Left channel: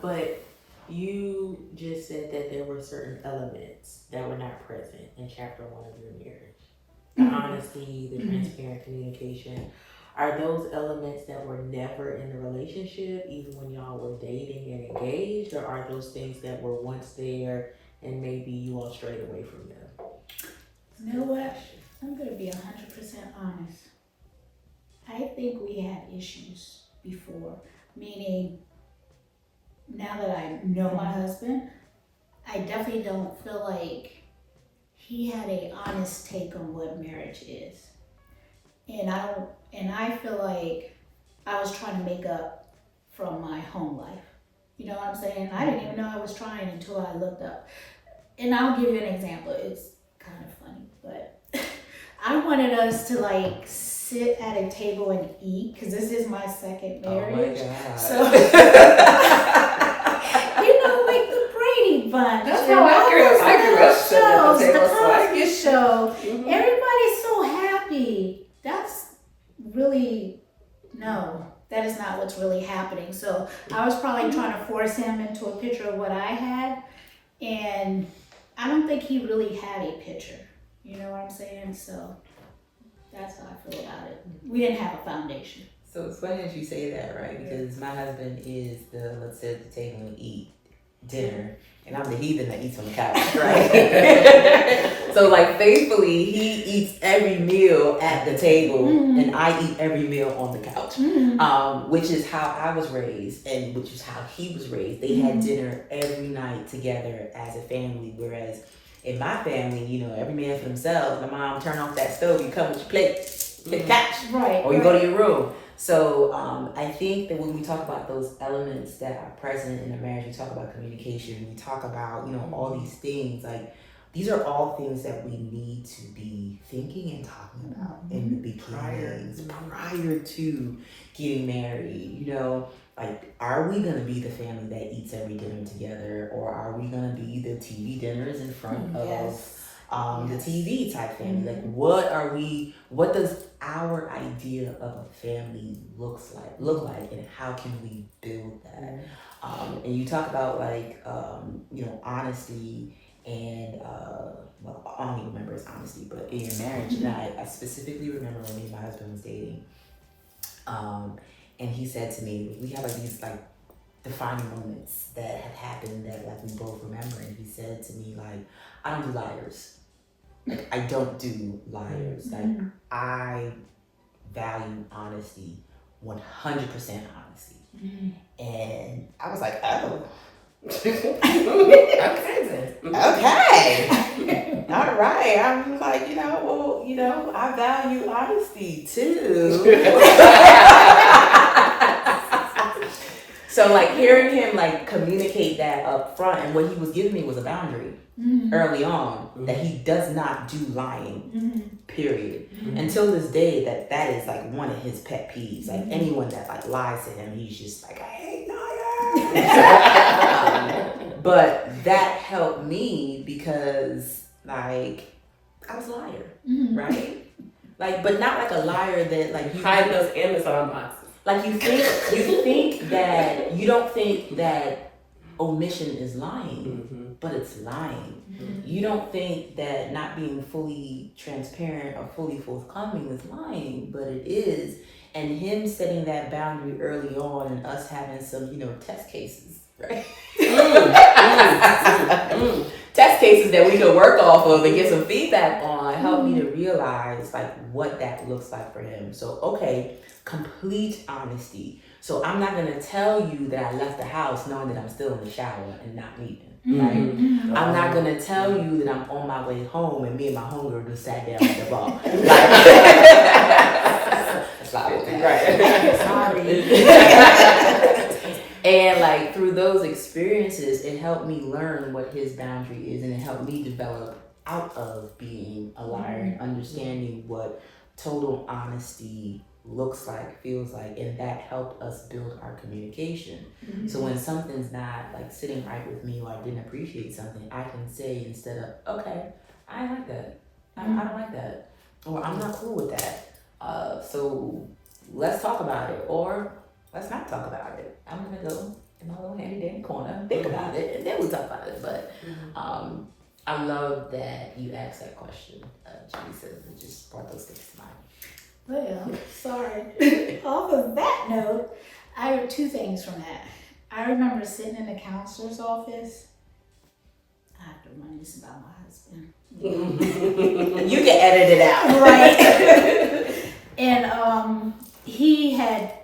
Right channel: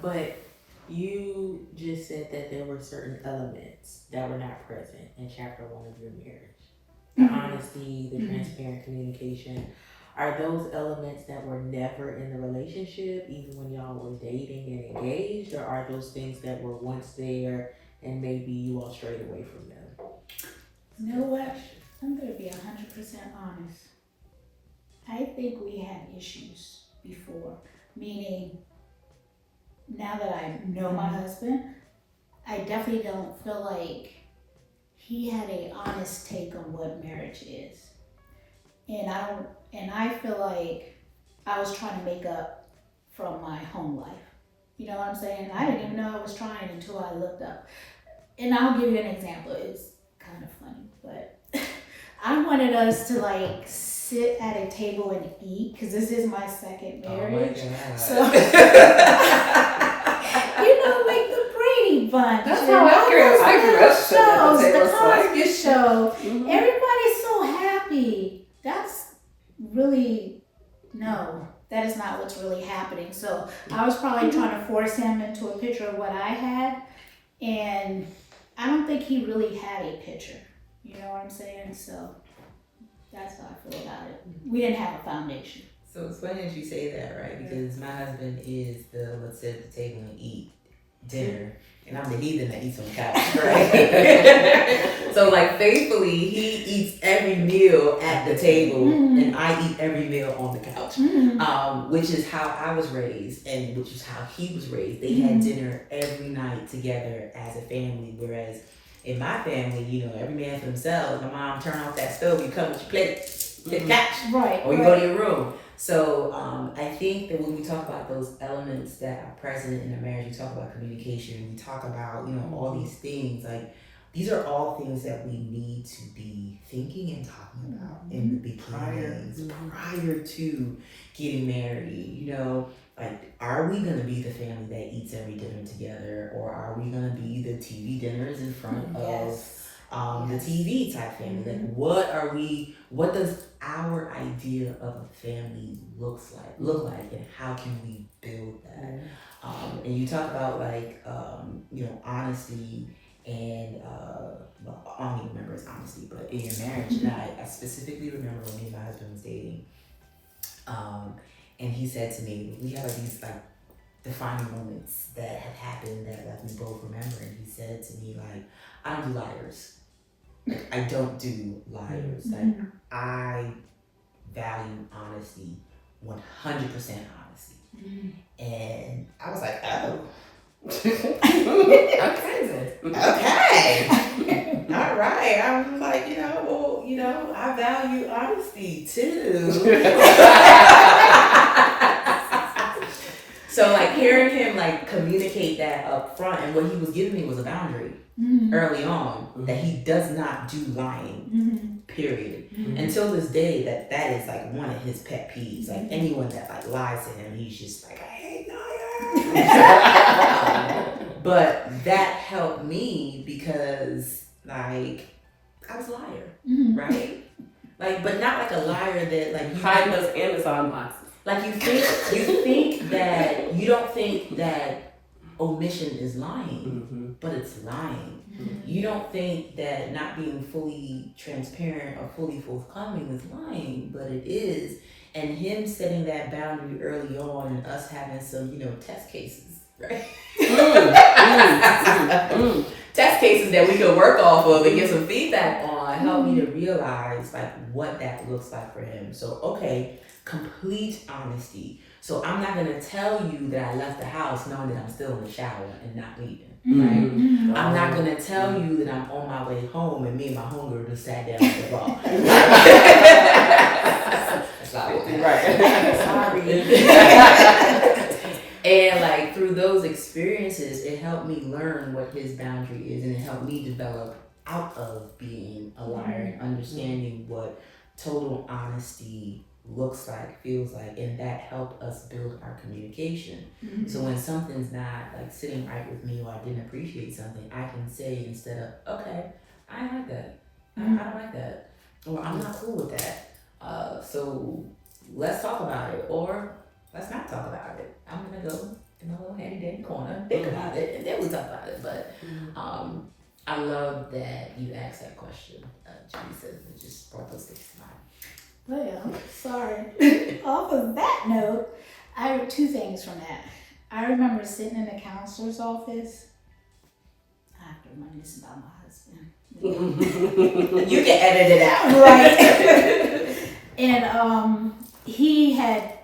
But you just said that there were certain elements that were not present in chapter one of your marriage. The honesty, the transparent communication. Are those elements that were never in the relationship, even when y'all were dating and engaged, or are those things that were once there and maybe you all strayed away from them? You know what? I'm gonna be 100% honest. I think we had issues before, meaning now that I know my husband, I definitely don't feel like he had a honest take on what marriage is. And I feel like I was trying to make up from my home life. You know what I'm saying? I didn't even know I was trying until I looked up. And I'll give you an example. It's kind of funny, but I wanted us to like sit at a table and eat because this is my second marriage. Oh my God. So like the Brady Bunch. That's and how I all grew up. those I grew little up sitting at the shows, table, the so I Cosby get Show. Mhm. Everybody's so happy. That's really no. That is not what's really happening. So I was probably trying to force him into a picture of what I had, and I don't think he really had a picture. You know what I'm saying? So that's how I feel about it. We didn't have a foundation. So it's funny that you say that, right? Because my husband is the let's sit at the table and eat dinner, and I'm the heathen that eats on the couch, right? So like faithfully, he eats every meal at the table, and I eat every meal on the couch, which is how I was raised, and which is how he was raised. They had dinner every night together as a family, whereas in my family, you know, every man for themselves. My mom turn off that stove, you come with your plate, the couch, Right. or you go to your room. So I think that when we talk about those elements that are present in a marriage, we talk about communication, we talk about, you know, all these things, like these are all things that we need to be thinking and talking about in the beginnings, prior to getting married. You know, like, are we gonna be the family that eats every dinner together, or are we gonna be the TV dinners in front of the TV type family? Like, what does our idea of a family look like, and how can we build that? And you talk about like, you know, honesty and, well, I don't even remember his honesty, but in your marriage, and I specifically remember when me and my husband was dating, and he said to me, we had like these like defining moments that had happened that like we both remember, and he said to me like, I don't do liars. Like, I don't do liars. Like, I value honesty, 100% honesty. And I was like, oh. Okay then. Okay. All right. I was like, well, I value honesty too. So like hearing him like communicate that up front, and what he was giving me was a boundary early on that he does not do lying. Period. Until this day, that is like one of his pet peeves. Like anyone that like lies to him, he's just like, I hate liars. But that helped me because like I was a liar, right? Like, but not like a liar that like you hide those Amazon boxes. Like you don't think that omission is lying, but it's lying. You don't think that not being fully transparent or fully forthcoming is lying, but it is. And him setting that boundary early on, and us having some, test cases, right? Test cases that we could work off of and get some feedback on helped me to realize like what that looks like for him. So, okay, complete honesty. So I'm not gonna tell you that I left the house knowing that I'm still in the shower and not leaving, right? I'm not gonna tell you that I'm on my way home and me and my homegirl just sat down at the bar. That's not what happened. Sorry. And like through those experiences, it helped me learn what his boundary is, and it helped me develop out of being a liar and understanding what total honesty looks like, feels like, and that helped us build our communication. So when something's not like sitting right with me, or I didn't appreciate something, I can say instead of, okay, I don't like that. I don't like that. Or I'm not cool with that. So let's talk about it, or let's not talk about it. I'm gonna go in a little handy dandy corner, think about it, and then we talk about it. But I love that you asked that question, Teresa. It just brought those things to mind. Well, sorry. Off of that note, I have two things from that. I remember sitting in the counselor's office. I have to remind this about my husband. You can edit it out. Right. And he had,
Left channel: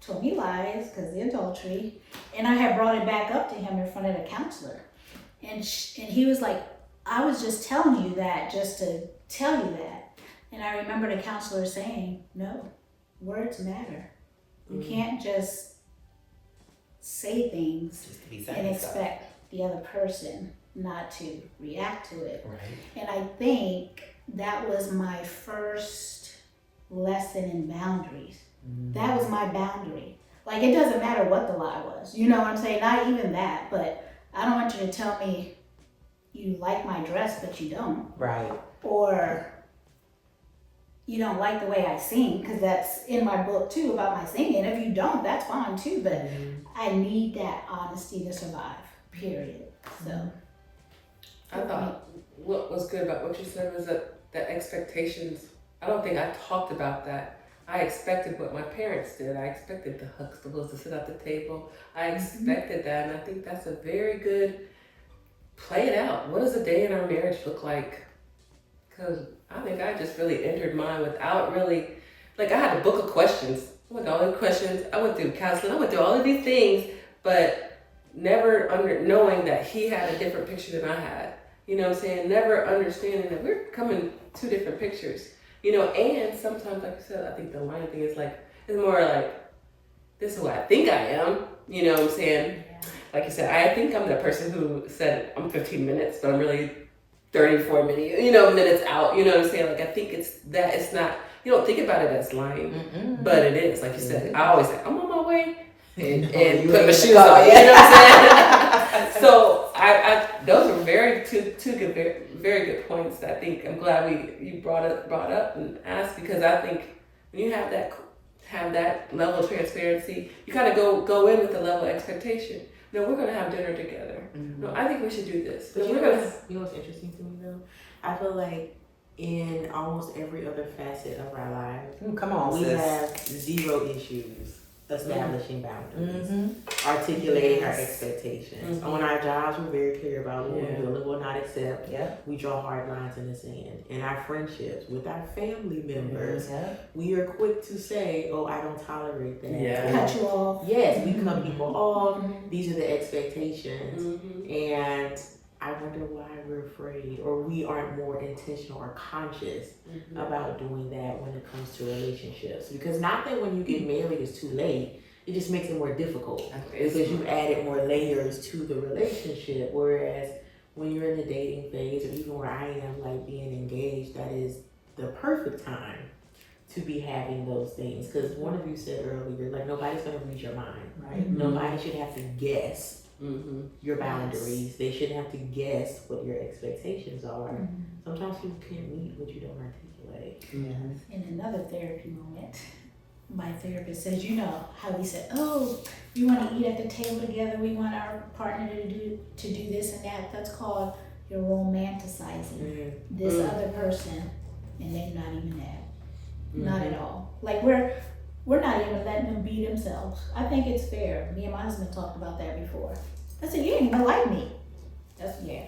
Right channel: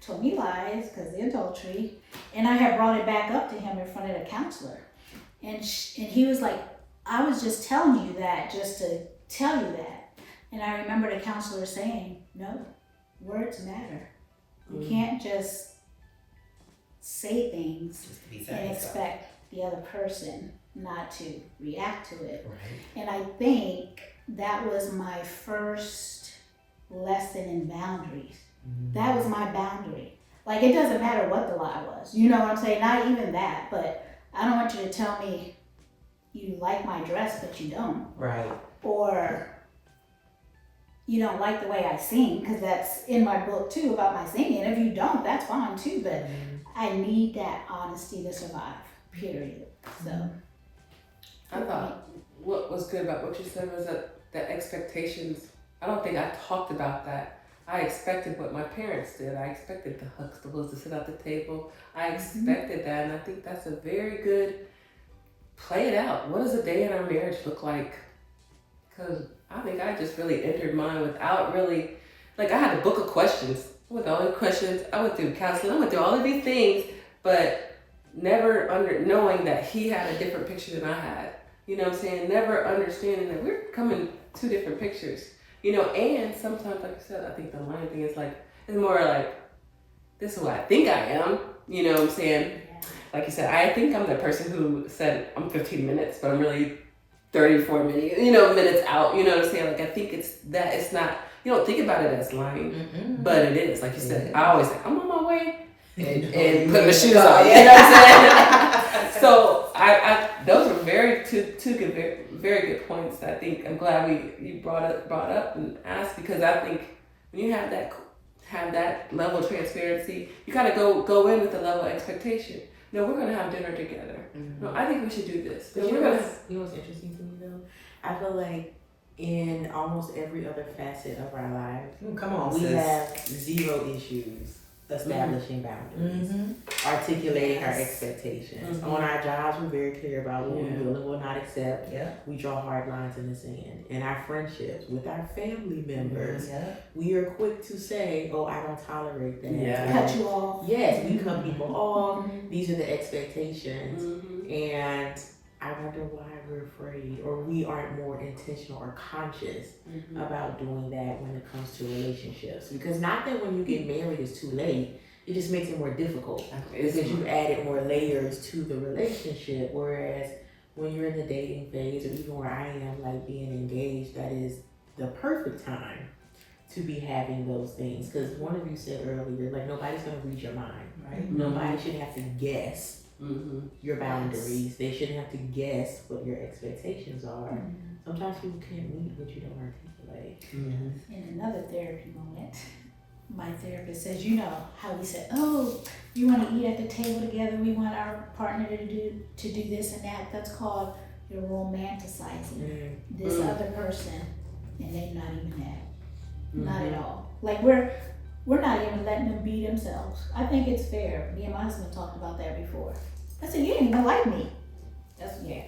told me lies because the adultery. And I had brought it back up to him in front of the counselor. And he was like, I was just telling you that just to tell you that. And I remember the counselor saying, no, words matter. You can't just say things and expect the other person not to react to it. Right. And I think that was my first lesson in boundaries. That was my boundary. Like, it doesn't matter what the lie was. You know what I'm saying? Not even that, but I don't want you to tell me you like my dress, but you don't. Right. Or you don't like the way I sing, because that's in my book too about my singing. If you don't, that's fine too, but I need that honesty to survive, period. So I thought what was good about what you said was that expectations, I don't think I talked about that. I expected what my parents did. I expected the Huxtables to sit at the table. I expected that, and I think that's a very good play it out. What does a day in our marriage look like? Because I think I just really entered mine without really, like, I had a book of questions. I went through all these questions. I went through counseling. I went through all of these things, but never knowing that he had a different picture than I had. You know what I'm saying? Never understanding that we're coming two different pictures. And sometimes, like you said, I think the lying thing is like, it's more like, this is who I think I am. You know what I'm saying? yeah. Like you said, I think I'm the person who said I'm 15 minutes, but I'm really 34 minutes out. You know what I'm saying? Like, I think it's not, you don't think about it as lying, but it is. Like you said, I always say, I'm on my way and put my shoes on. You know what I'm saying? So I those are two good, very good points that I think I'm glad you brought up and asked, because I think when you have that level of transparency, you kind of go in with a level of expectation. No, we're gonna have dinner together. No, I think we should do this. But No, you know what's interesting to me though? I feel like in almost every other facet of our lives, Come on, we sis. have zero issues establishing boundaries, articulating our expectations. On our jobs, we're very clear about what we will and will not accept. Yeah. We draw hard lines in the sand. In our friendships with our family members, we are quick to say, "Oh, I don't tolerate that." Yeah. Cut you off. Yes, we cut people off. These are the expectations, Mm-hmm. and I wonder why we're afraid, or we aren't more intentional or conscious about doing that when it comes to relationships. Because not that when you get married it's too late, it just makes it more difficult because you've added more layers to the relationship. Whereas when you're in the dating phase, or even where I am, like being engaged, that is the perfect time to be having those things. Because one of you said earlier, like, nobody's gonna read your mind, right? Nobody should have to guess your boundaries. They shouldn't have to guess what your expectations are. Sometimes people can't meet what you don't articulate. In another therapy moment, my therapist says, how we said, oh, we want to eat at the table together. We want our partner to do this and that. That's called you're romanticizing this other person, and they're not even that. Not at all. Like we're not even letting them be themselves. I think it's fair. Me and my husband talked about that before. I said, you didn't even like me. I was mad.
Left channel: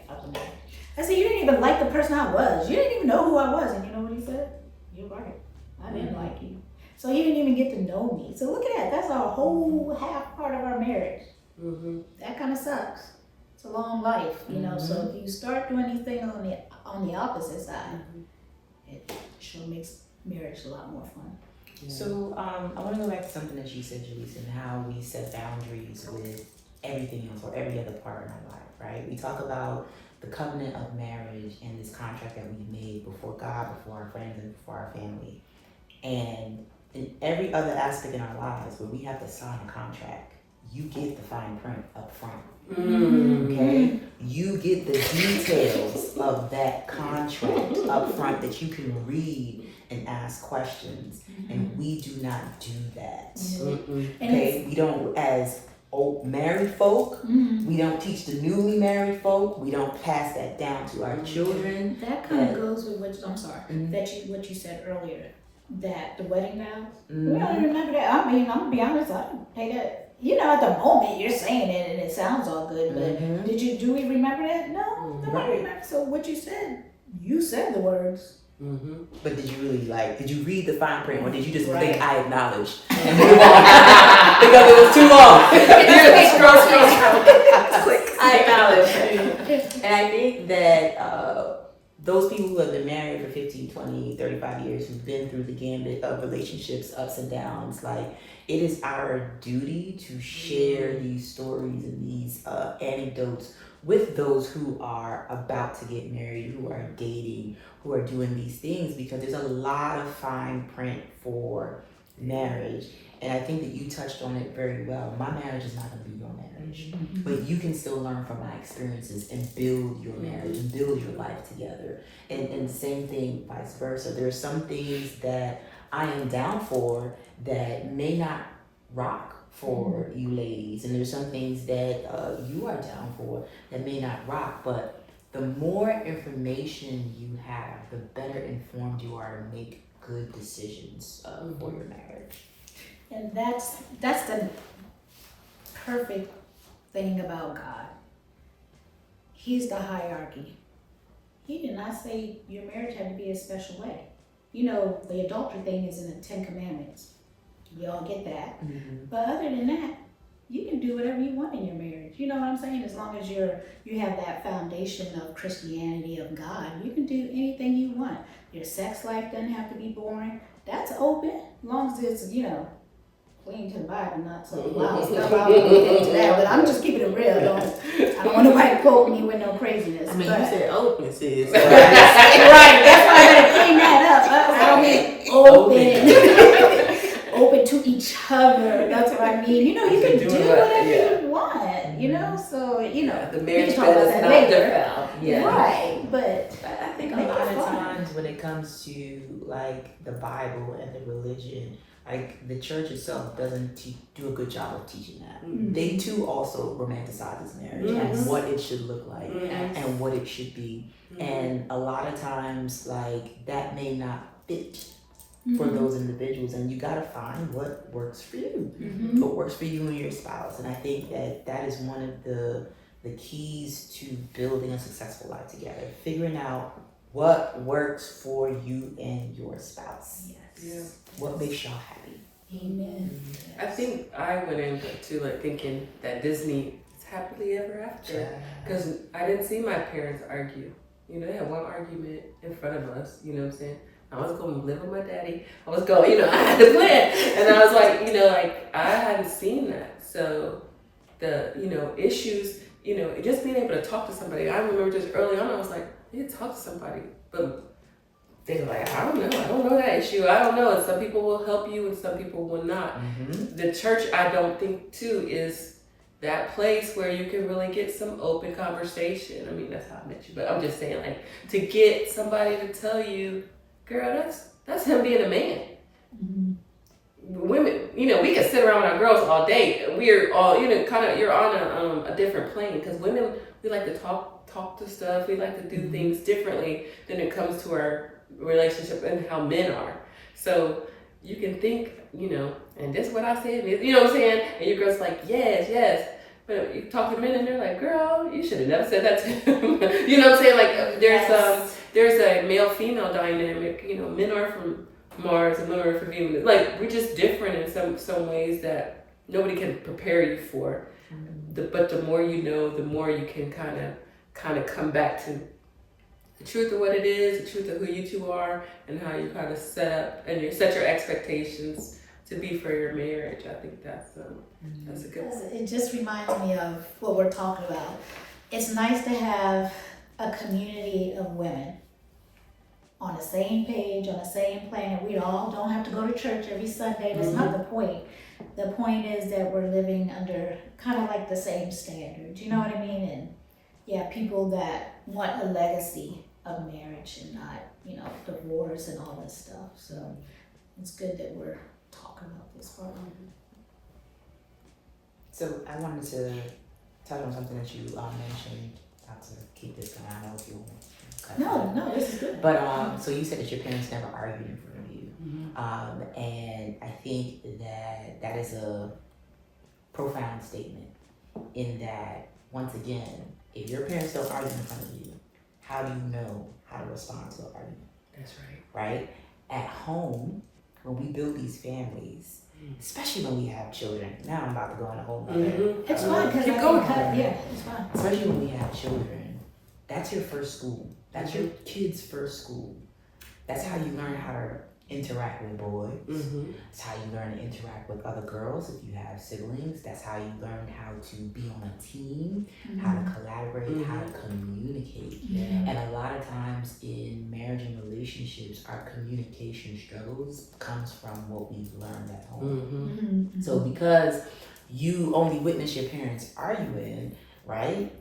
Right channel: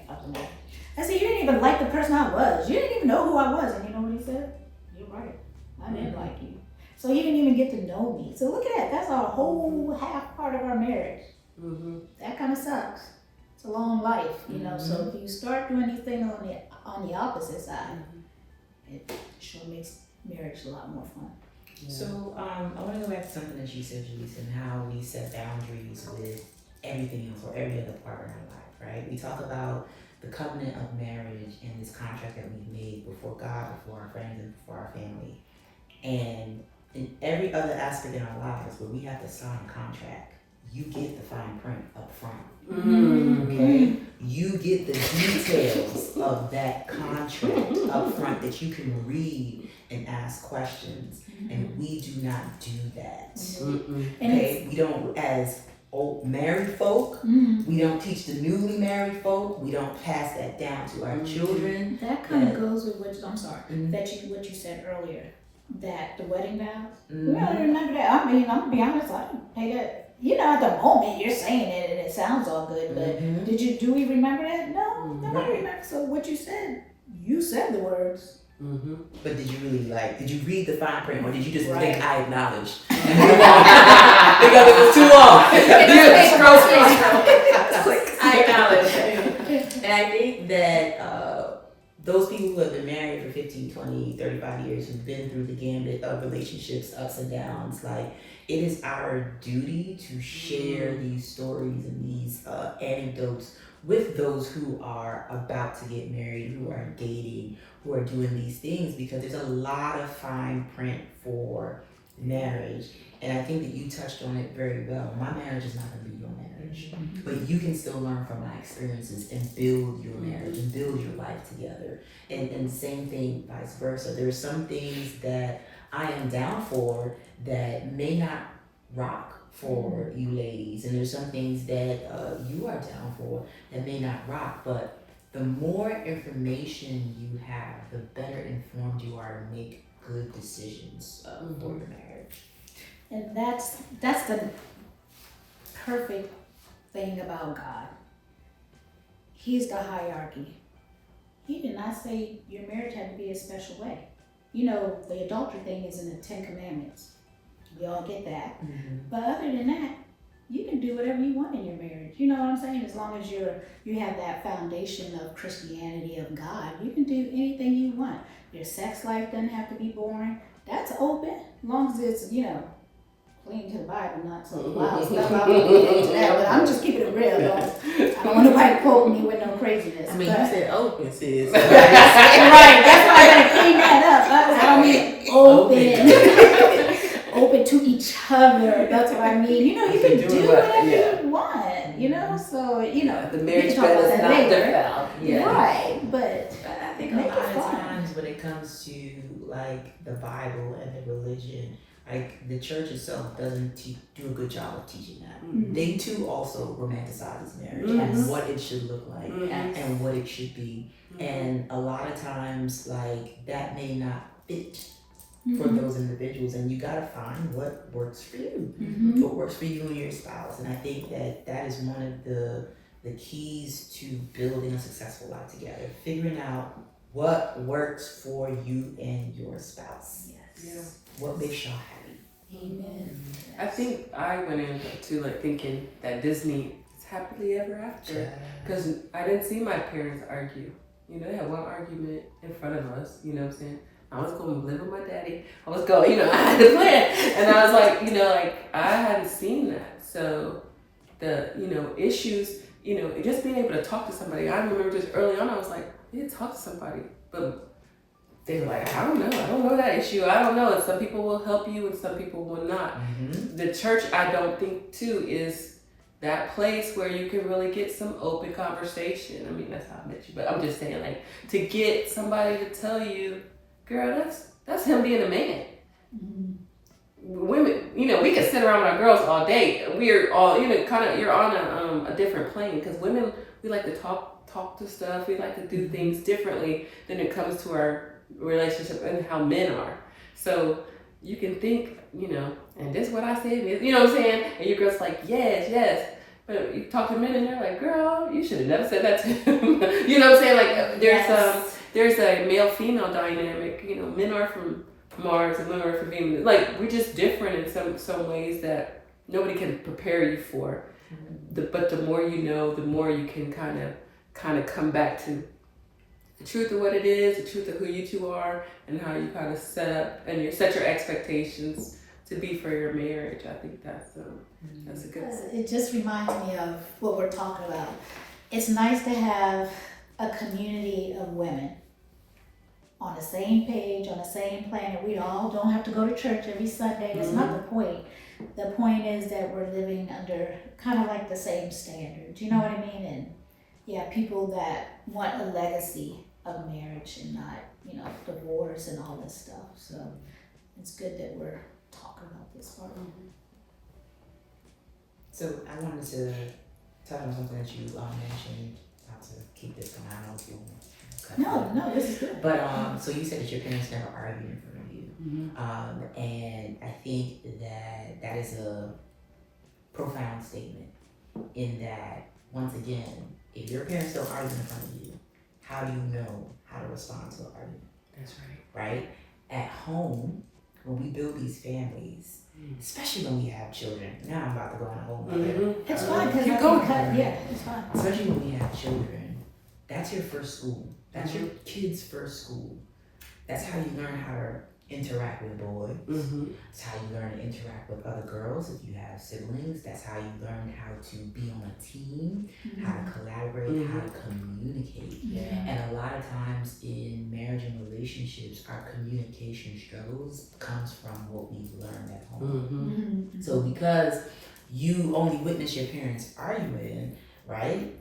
I said, you didn't even like the person I was. You didn't even know who I was. And you know what he said? You're right. I didn't like you. So he didn't even get to know me. So look at that. That's our whole half part of our marriage. That kind of sucks. It's a long life, So if you start doing these things on the opposite side, it sure makes marriage a lot more fun. So I want to go back to something that you said, Julissa, and how we set boundaries with everything else or every other part in our life, right? We talk about the covenant of marriage and this contract that we made before God, before our friends, and before our family. And in every other aspect in our lives where we have to sign a contract, you get the fine print up front. Okay? You get the details of that contract up front that you can read and ask questions. And we do not do that. And Okay? We don't, as old married folk. Mm. We don't teach the newly married folk. We don't pass that down to our children. That kind of goes with what I'm sorry Mhm. what you said earlier, that the wedding vows. Mhm. We don't remember that. I mean, I'm gonna be honest. I didn't pay that. You know, at the moment you're saying it and it sounds all good, but Mhm. do we remember that? No, nobody Right. remembers. So what you said the words. Mm-hmm. But did you really did you read the fine print or did you just Right. think I acknowledged and move on? Because it was too long. I acknowledge. And I think that those people who have been married for 15, 20, 35 years, who've been through the gambit of relationships, ups and downs, like, it is our duty to share these stories and these anecdotes with those who are about to get married, who are dating, who are doing these things, because there's a lot of fine print for marriage. And I think that you touched on it very well. My marriage is not going to be your marriage, but you can still learn from my experiences and build your marriage and build your life together. And same thing, vice versa. There are some things that I am down for that may not rock for you ladies, and there's some things that you are down for that may not rock. But the more information you have, the better informed you are to make good decisions for your marriage. And that's the perfect thing about God. He's the hierarchy. He did not say your marriage had to be a special way. You know, the adultery thing is in the 10 Commandments. We all get that. Mm-hmm. But other than that, you can do whatever you want in your marriage. You know what I'm saying? As long as you have that foundation of Christianity, of God, you can do anything you want. Your sex life doesn't have to be boring. That's open, as long as it's, you know, clean to the Bible, not some wild stuff. I don't get into that, but I'm just keeping it real. I don't want nobody to quote me with no craziness. I mean, but, you said open, sis. right, that's why I better clean that up. I don't mean open. Open to each other. That's what I mean. You know, you can do whatever you want. You know, so you know, The we marriage can talk about bed is that not later. defiled. Yeah. Right, but I think Make a it lot of fun. times when it comes to like the Bible and the religion, like the church itself doesn't do a good job of teaching that. Mm-hmm. They too also romanticize marriage Mhm. and what it should look like Mhm. and what it should be. And a lot of times, like, that may not fit for those individuals, and you gotta find what works for you, what works for you and your spouse. And I think that that is one of the keys to building a successful life together, figuring out what works for you and your spouse. yes, Yeah. What makes y'all happy. amen. I think I went into like thinking that Disney is happily ever after, because I didn't see my parents argue. You know, they had one argument in front of us. You know what I'm saying? I was going to live with my daddy. I was going, you know, I had to plan, and I was like, you know, like I hadn't seen that. So the, you know, issues, you know, just being able to talk to somebody. I remember just early on, I was like, I need to talk to somebody, but they were like, I don't know that issue. I don't know. And some people will help you and some people will not. The church, I don't think too, is that place where you can really get some open conversation. I mean, that's how I met you, but I'm just saying, like, to get somebody to tell you, girl, that's him being a man. Women, you know, we can sit around with our girls all day. We're all, you know, kind of, you're on a different plane, because women, we like to talk to stuff. We like to do things differently than it comes to our relationship and how men are. So you can think, you know, and this is what I said, you know what I'm saying? And your girl's like, yes. But you talk to men and they're like, girl, you should have never said that to him. You know what I'm saying? Like, there's a male-female dynamic. You know, men are from Mars and women are from Venus. Like, we're just different in some ways that nobody can prepare you for. But the more you know, the more you can kind of come back to the truth of what it is, the truth of who you two are, and how you kind of set up and you set your expectations to be for your marriage. I think that's a good. It just reminds me of what we're talking about. It's nice to have a community of women on the same page, on the same planet. We all don't have to go to church every Sunday. That's not the point. The point is that we're living under kind of like the same standards. You know what I mean? And yeah, people that want a legacy of marriage and not, you know, divorce and all that stuff. So it's good that we're talking about this part. So I wanted to touch on something that you mentioned. Not to keep this going. I know if you want to cut it. No, this is good. But so you said that your parents never argued in front of you, Mm-hmm. and I think that is a profound statement. In that, once again, if your parents don't argue in front of you, how do you know how to respond to an argument? That's right. Right? At home, when we build these families, especially when we have children. Now I'm about to go on a whole nother. Mm-hmm. It's fine, because Keep I going. can cut, yeah, it's fine. Especially when we have children, that's your first school. That's your kid's first school. That's how you learn how to interact with boys. Mm-hmm. That's how you learn to interact with other girls if you have siblings. That's how you learn how to be on a team, how to collaborate, how to communicate. Yeah. And a lot of times in marriage and relationships, our communication struggles comes from what we've learned at home. Mm-hmm. So because you only witness your parents arguing, right?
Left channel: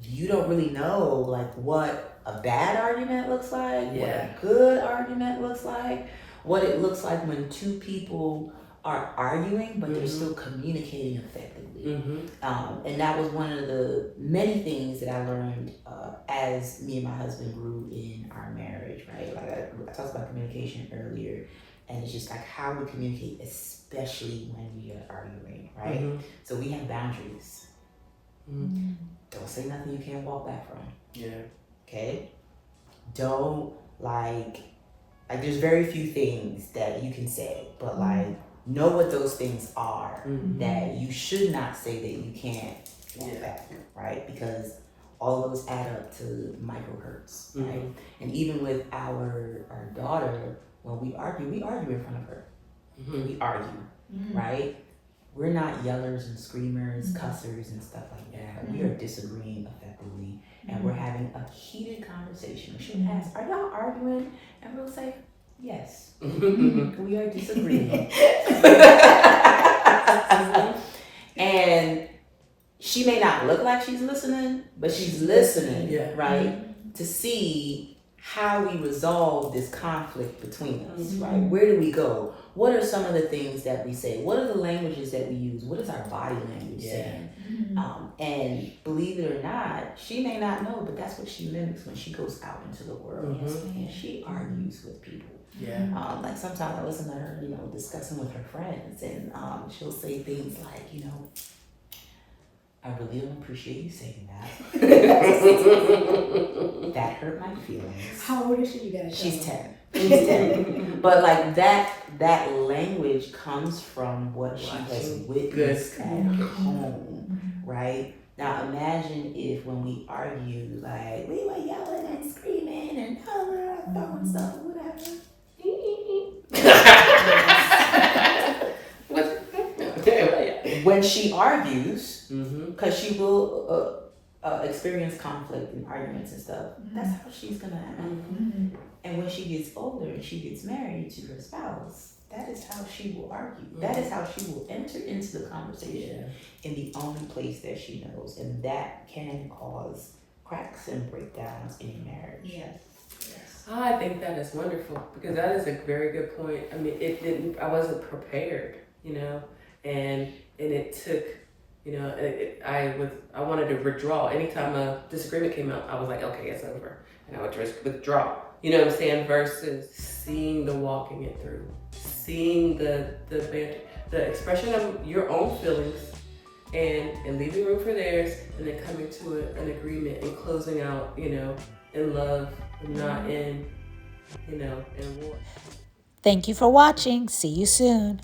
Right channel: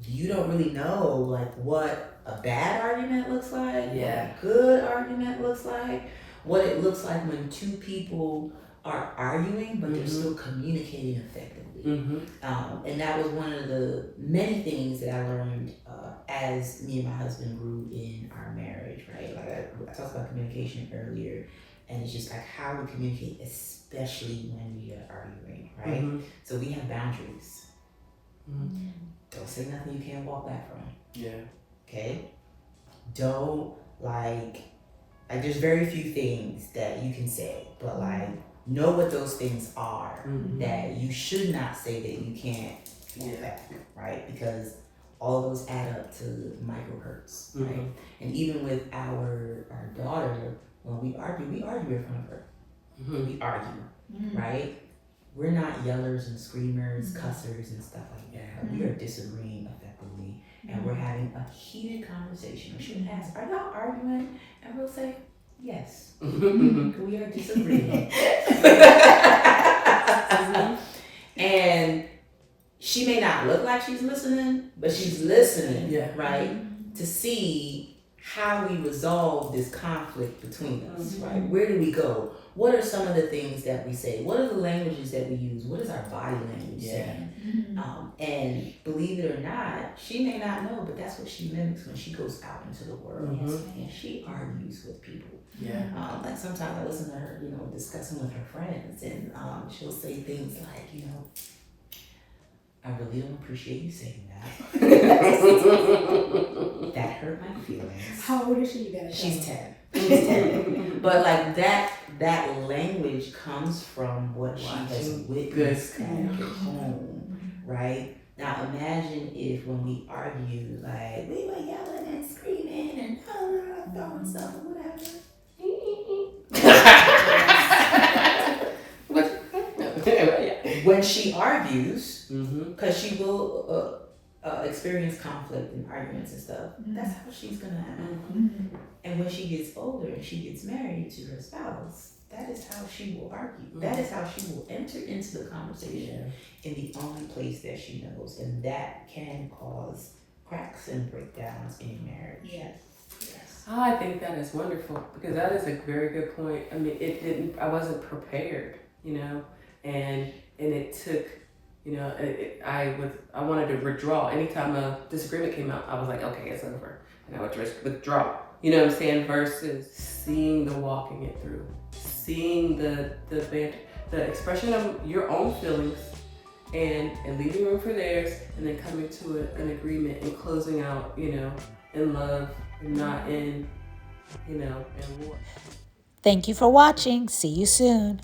You don't really know like what a bad argument looks like, what a good argument looks like, what it looks like when two people are arguing but they're still communicating effectively. Mm-hmm. And that was one of the many things that I learned as me and my husband grew in our marriage, right? Like I talked about communication earlier, and it's just like how we communicate, especially when we are arguing, right? Mm-hmm. So we have boundaries. Mm-hmm. Don't say nothing you can't walk back from. Yeah. Okay? Don't there's very few things that you can say, but like know what those things are that you should not say that you can't walk back, right? Because all of those add up to micro hurts, right? And even with our daughter, when we argue in front of her. We argue, right? We're not yellers and screamers, cussers and stuff like that. We are disagreeing effectively, and we're having a heated conversation. She asks, "Are y'all arguing?" And we'll say, "Yes, we are disagreeing." And she may not look like she's listening, but she's listening, right? To see how we resolve this conflict between us, right? Where do we go? What are some of the things that we say? What are the languages that we use? What is our body language saying? And believe it or not, she may not know, but that's what she mimics when she goes out into the world. And she argues with people. Like sometimes I listen to her, discussing with her friends, and she'll say things like, I really don't appreciate you saying that. That hurt my feelings. How old is she? You gotta tell She's her. 10. She's 10. But like that language comes from what she has witnessed at home, right? Now imagine if when we argue, like we were yelling and screaming and throwing stuff or whatever. When she argues, because she will experience conflict and arguments and stuff, that's how she's gonna act. And when she gets older and she gets married to her spouse, that is how she will argue. That is how she will enter into the conversation in the only place that she knows, and that can cause cracks and breakdowns in marriage. Yes. I think that is wonderful, because that is a very good point. I mean, I wasn't prepared, and it took, I wanted to withdraw. Anytime a disagreement came out, I was like, okay, it's over. And I would just withdraw. You know what I'm saying? Versus seeing the walking it through, seeing the expression of your own feelings and leaving room for theirs, and then coming to an agreement and closing out, in love and not in war. Thank you for watching. See you soon.